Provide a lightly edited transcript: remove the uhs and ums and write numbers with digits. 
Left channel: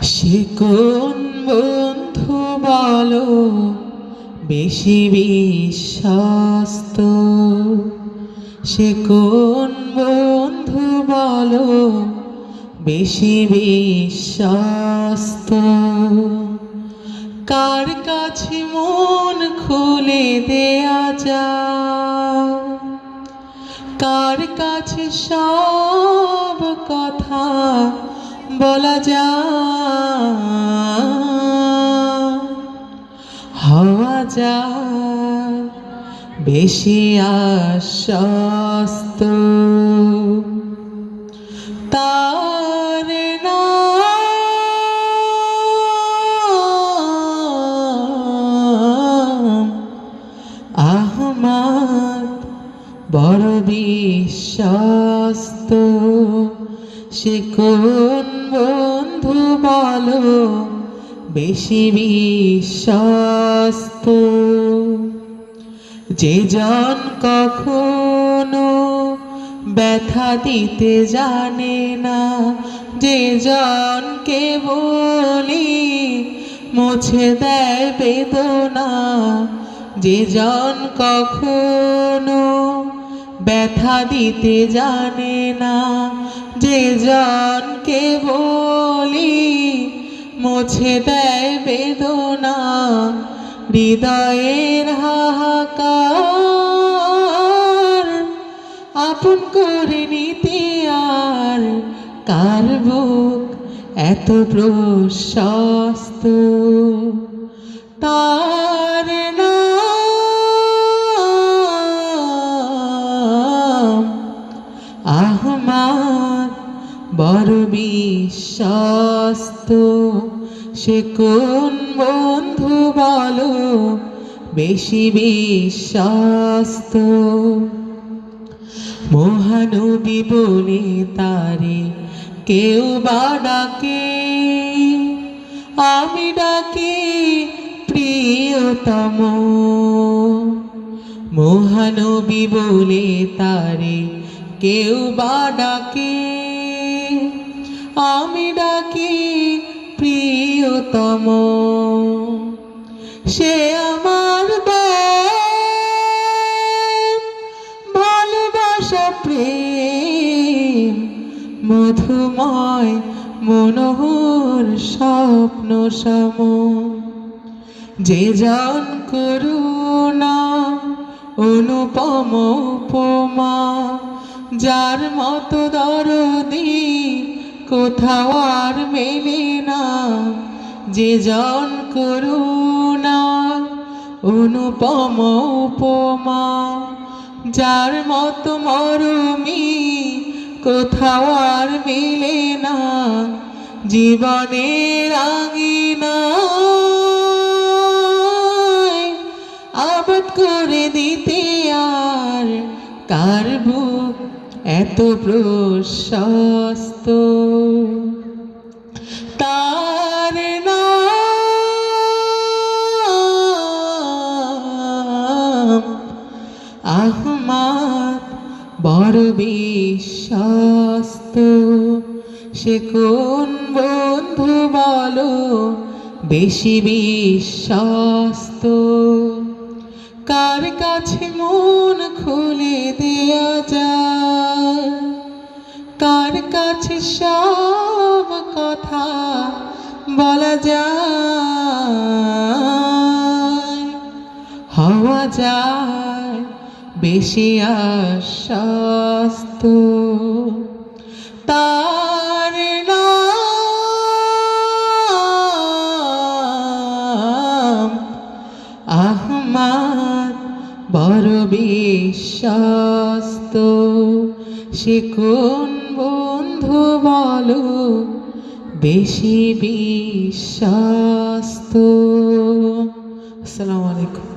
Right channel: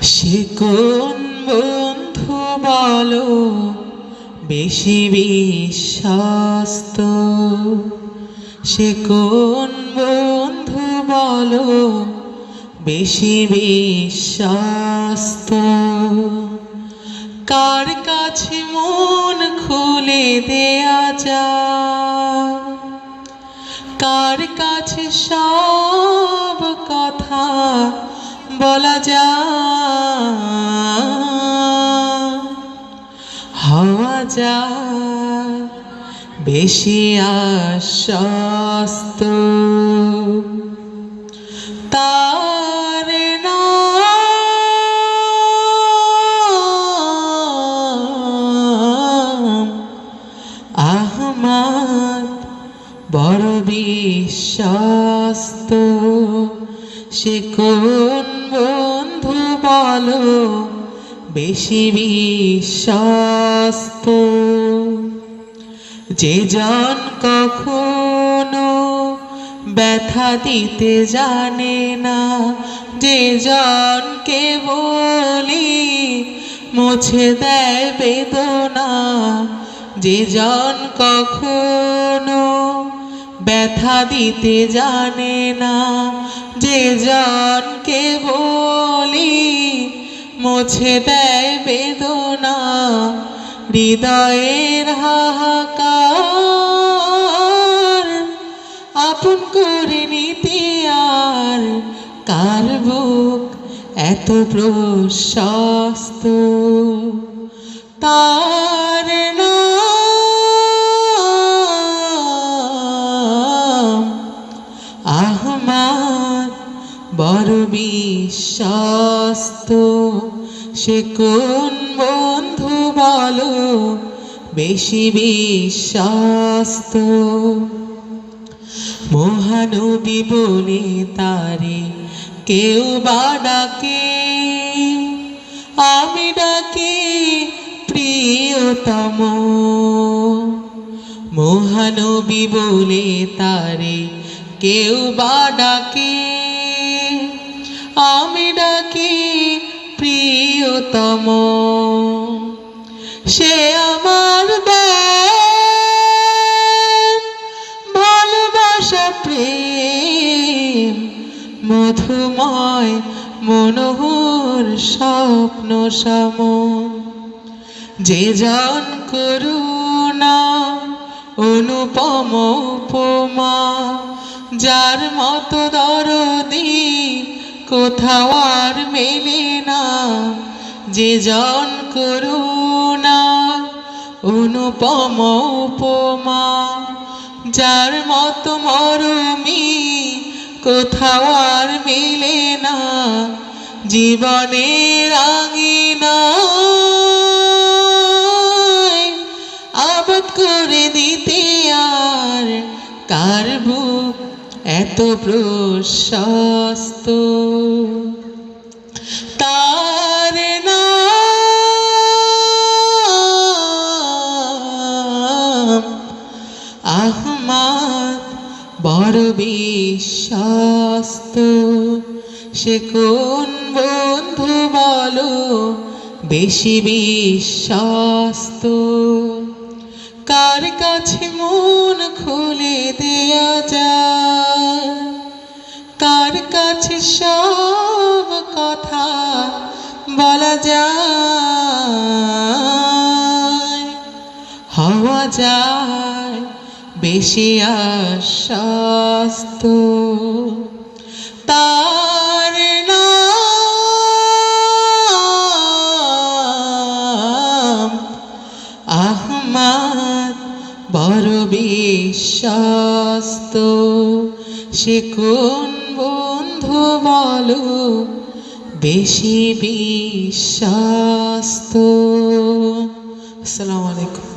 সে কোন বন্ধু বলো বেশি বিশ্বস্ত? সে কোন বন্ধু বলো বেশি বিশ্বস্ত? কার কাছে মন খুলে দেয়া যায়, কার কাছে সব কথা বলা যায়, হওয়া যায় বেশি আশ্বস্ত। তার নাম আহমদ, বড় বিশ্বস্ত। সে কোন বন্ধু বলো বেশি বিশ্বস্ত? যে জন কখনো ব্যথা দিতে জানে না, যে জনকে বলি মুছে দেয় বেদনা, যে জন কখনো ব্যথা দিতে জানে না, যে জনকে বলি মুছে দেয় বেদনা, হৃদয়ের হাহাকার আপন করে নিতে আর কার বুক এত প্রশস্ত? তার নাম আহমদ, বড় বিশ্বস্ত। সে কোন বন্ধু বলো বেশি বিশ্বস্ত? মহানবী বলে তারে কেউ বা ডাকে, আমি ডাকি প্রিয়তম। মহানবী বলে তারে কেউ বা ডাকে, আমি ডাকি প্রিয়তম। সে আমার ভালোবাসা প্রেম মধুময় মনোহর স্বপ্ন সম। যে জন করুণা অনুপম উপমা, যার মতো দরদি কোথাও আর মেলে না। যে জন করুণা অনুপম উপমা, যার মতো মরমি কোথাও আর মেলে না। জীবনের আঙিনায় আবাদ করে দিতে আর কার বুক এত প্রশস্ত? তার নাম আহমদ, বড় বিশ্বস্ত। সে কোন বন্ধু বলো বেশি বিশ্বস্ত? কার কাছে মন খুলে দেয়া যায়, কার কাছে সব কথা বলা যায়, হওয়া যায় বেশি আশ্বস্ত। তার নাম আহমদ, বড় বিশ্বস্ত। সে কোন বন্ধু বলো বেশি বিশ্বস্ত? আসসালামু আলাইকুম।